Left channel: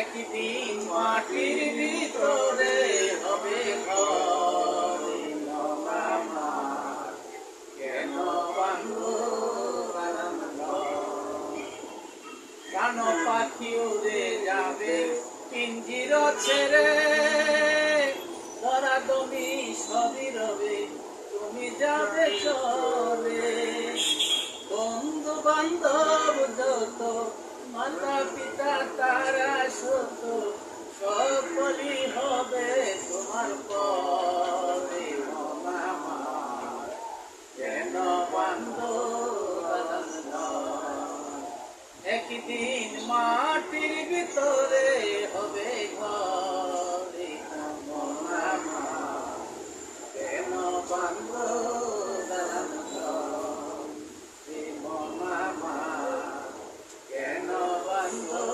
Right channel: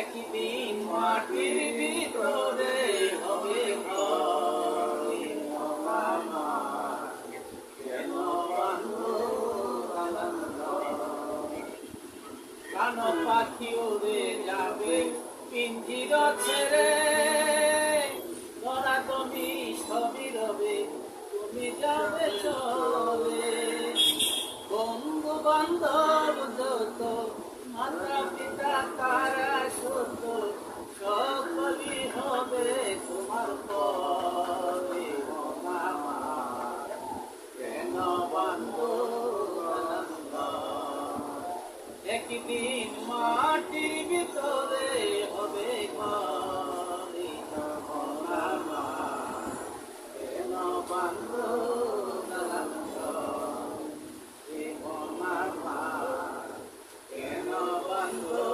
একদিন মাটির ভিতরে হবে ঘর, আমার কেন বাঁধো প্রাণ পাখি উড়ে যাবে পিঞ্জির ছেড়ে, ধরা তুমি সবই রবে, তুমি যাবে চলে। বন্ধু বান্ধব যত, মাতা পিতা তারা সত, সকলই হবে তোমার পরে। মামা কেন বান্ধব একদিন মাটির ভিতরে হবে ঘর, মামা কেন বান্ধব মামা কেন বান্ধব।